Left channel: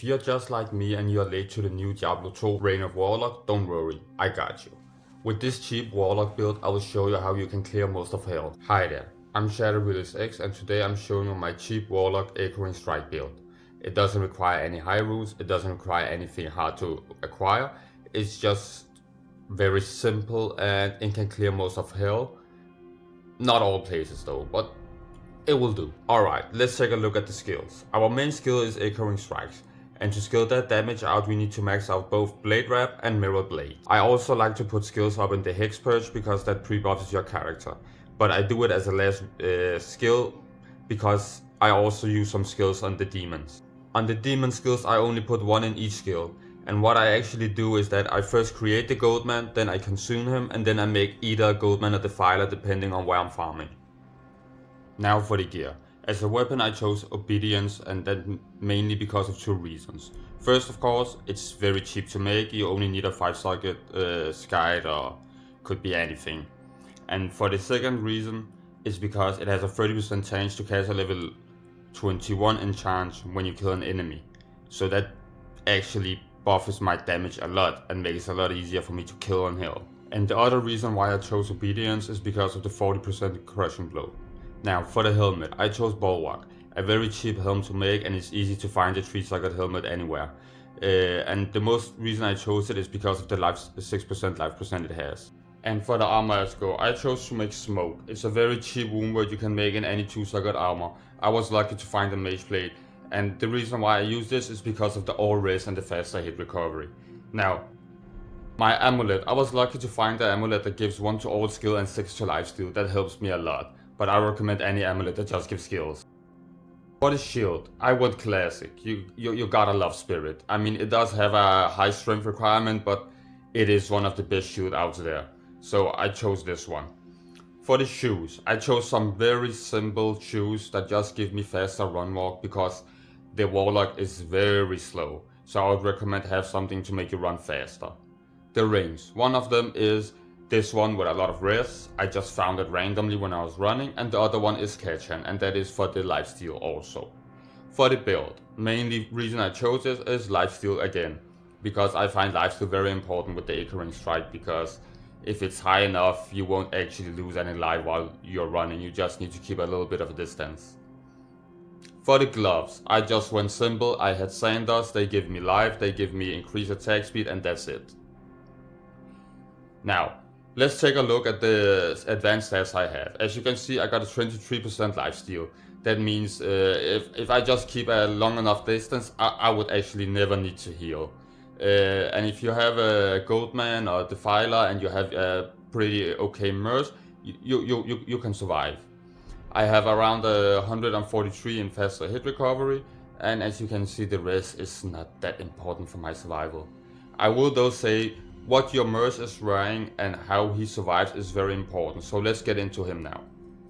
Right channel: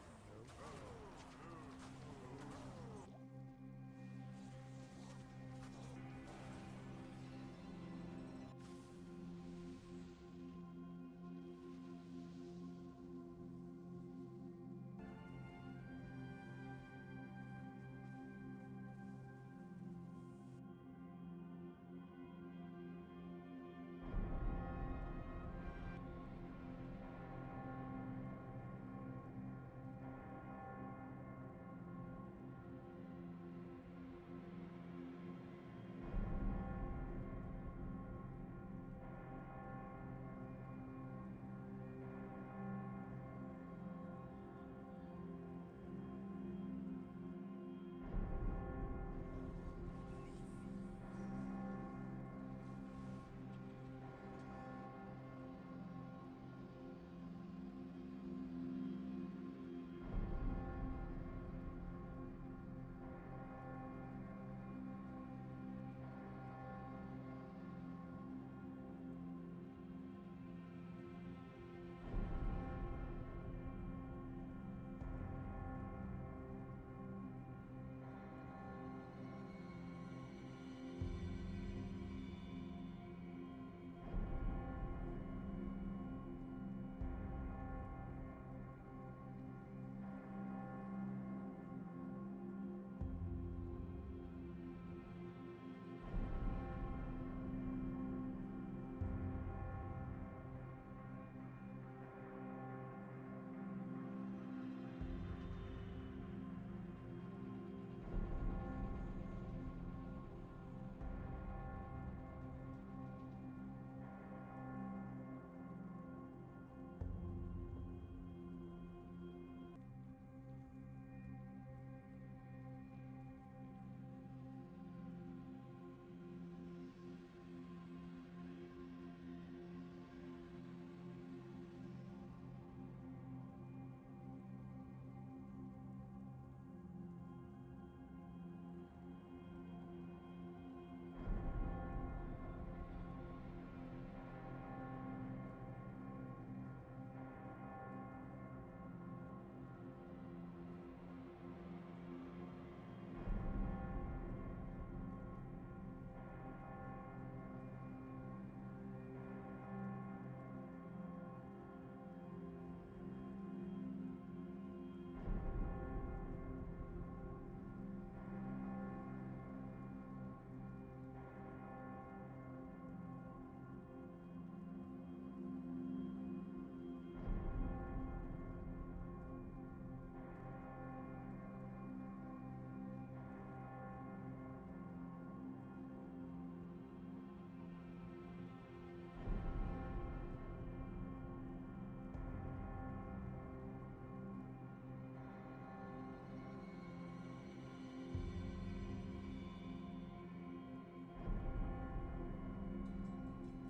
If you're just like me and you're late to the new Diablo 2 Reign of Warlock, don't worry, I got you. With this cheap Warlock build, I will show you how you can clear most of hell. Hi there, I'm X and today I'm showing you my cheap Warlock Echoing Strike build. It doesn't require any high rules, it doesn't require anything hard to acquire, it's just very simple and it can clear most of hell. Not all places though, but it will do. Alright, let's take a look at the skills. Our main skill is Echoing Strikes. And to scale that damage out, we need to max out both Blade Wrap and Mirror Blade. I also like to put skills up in the Hex Purge because that pre-buffs your character. But I do it as a last skill because I also use some skills on the demons. On the demon skills, I only put one in each skill. And what I actually do is that I first create the Goatman, then I consume him, and then I make either a Goatman or Defiler depending on where I'm farming. Now for the gear. As a weapon I chose Obedience, and that mainly because of two reasons. First, of course, it's very cheap to make, you only need a 5-socket Skite or could be anything. And for the second reason, is because it has a 30% chance to cast a level 21 enchant when you kill an enemy. So that actually buffs my damage a lot and makes it a lot easier for me to kill on hill. And the other reason why I chose Obedience is because of the 40% crushing blow. Now for the helmet, I chose Bulwark, a very cheap helm to make and it's easy to find a 3-socket helmet anywhere. And the most reason I chose it is because of the 6% life percent it has. And for the armor as go, I chose to make Smoke. It's a very cheap wound word you can make in any 2-socket armor. I was lucky to find a Mage Blade, and the reason why I use this is because of the all res and the faster hit recovery. Now, my amulet, I was lucky to find the amulet that gives 1 to all skill and 6 to lifesteal. That helps me a lot. But I recommend any amulet that just gives skills. For the shield, I went classic. You gotta love Spirit. I mean, it does have a high strength requirement, but it is one of the best shield out there. So I chose this one. For the shoes, I chose some very simple shoes that just give me faster run walk because the Warlock is very slow. So I would recommend have something to make you run faster. The rings, one of them is this one with a lot of res, I just found it randomly when I was running, and the other one is Ketchan, and that is for the lifesteal also. For the build, mainly reason I chose this is lifesteal again, because I find lifesteal very important with the Echoing Strike, because if it's high enough you won't actually lose any life while you're running, you just need to keep a little bit of a distance. For the gloves, I just went simple, I had Sanders, they give me life, they give me increased attack speed, and that's it. Now, let's take a look at the advanced stats I have. As you can see, I got a 23% lifesteal. That means if I just keep a long enough distance, I would actually never need to heal. And if you have a Goatman or Defiler and you have a pretty okay Merc, you can survive. I have around 143 in faster hit recovery, and as you can see, the rest is not that important for my survival. I will though say what your Merc is wearing and how he survives is very important, so let's get into him now.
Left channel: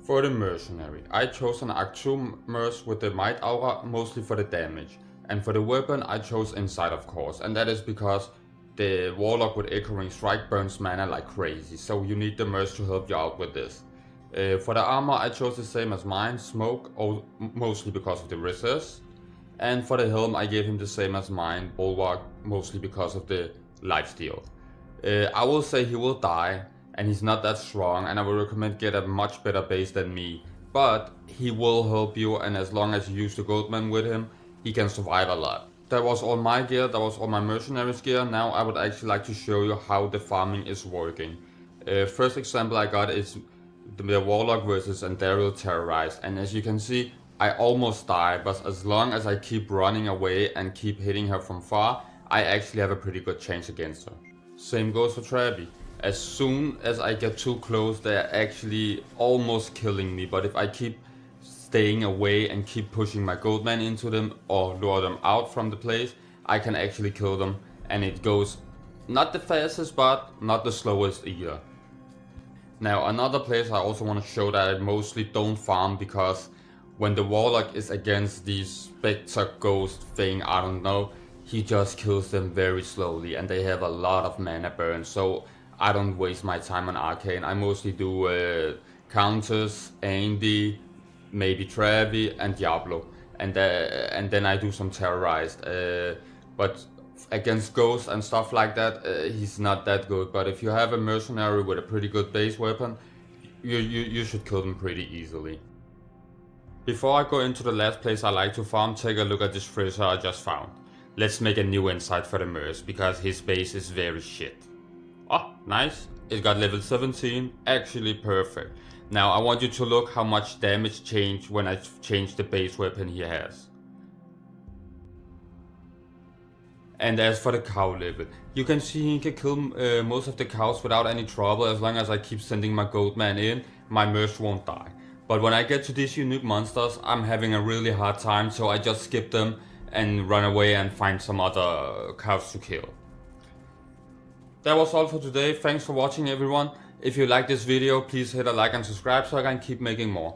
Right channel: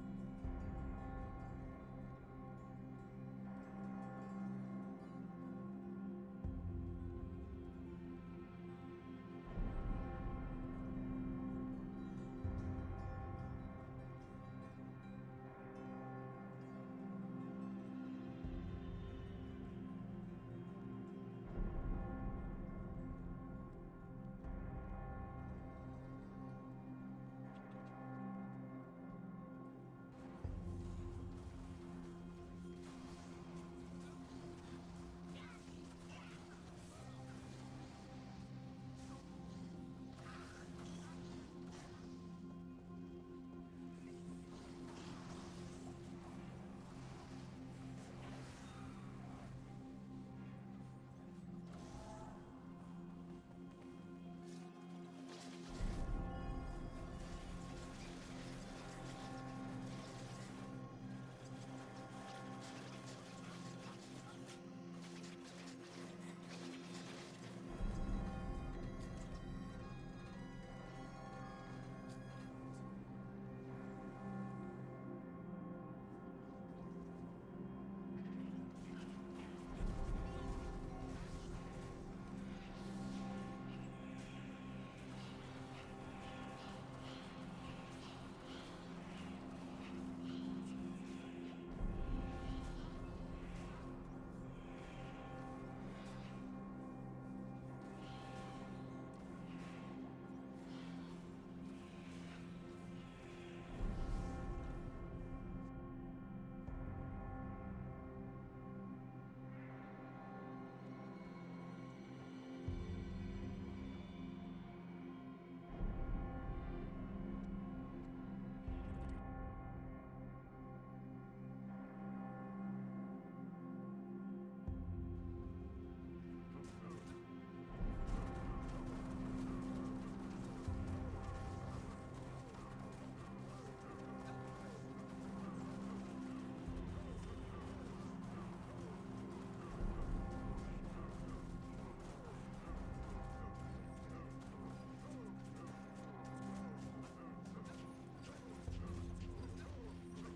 For the Mercenary, I chose an Act 2 Merc with the Might Aura mostly for the damage, and for the weapon I chose Insight of course, and that is because the Warlock with Echoing Strike burns mana like crazy, so you need the Merc to help you out with this. For the armor I chose the same as mine, Smoke, mostly because of the resist, and for the helm I gave him the same as mine, Bulwark, mostly because of the lifesteal. I will say he will die, and he's not that strong, and I would recommend get a much better base than me. But he will help you, and as long as you use the Goatman with him, he can survive a lot. That was all my gear, that was all my Mercenary's gear. Now I would actually like to show you how the farming is working. First example I got is the Warlock versus Andariel Terrorized, and as you can see, I almost die, but as long as I keep running away and keep hitting her from far, I actually have a pretty good chance against her. Same goes for Travi. As soon as I get too close, they're actually almost killing me, but if I keep staying away and keep pushing my Goatman into them or lure them out from the place, I can actually kill them, and it goes not the fastest but not the slowest either. Now another place I also want to show that I mostly don't farm, because when the Warlock is against these Spectre Ghost thing, I don't know, he just kills them very slowly and they have a lot of mana burn, so I don't waste my time on Arcane. I mostly do Countess, Andy, maybe Travi and Diablo. and then I do some terrorized. But against ghosts and stuff like that, he's not that good. But if you have a mercenary with a pretty good base weapon, you should kill them pretty easily. Before I go into the last place I like to farm, take a look at this treasure I just found. Let's make a new insight for the Merc, because his base is very shit. Oh, nice. It got level 17, actually perfect. Now I want you to look how much damage changed when I changed the base weapon he has. And as for the cow level, you can see he can kill most of the cows without any trouble. As long as I keep sending my goat man in, my Merc won't die. But when I get to these unique monsters, I'm having a really hard time, so I just skip them and run away and find some other cows to kill. That was all for today. Thanks for watching, everyone. If you like this video, please hit a like and subscribe so I can keep making more.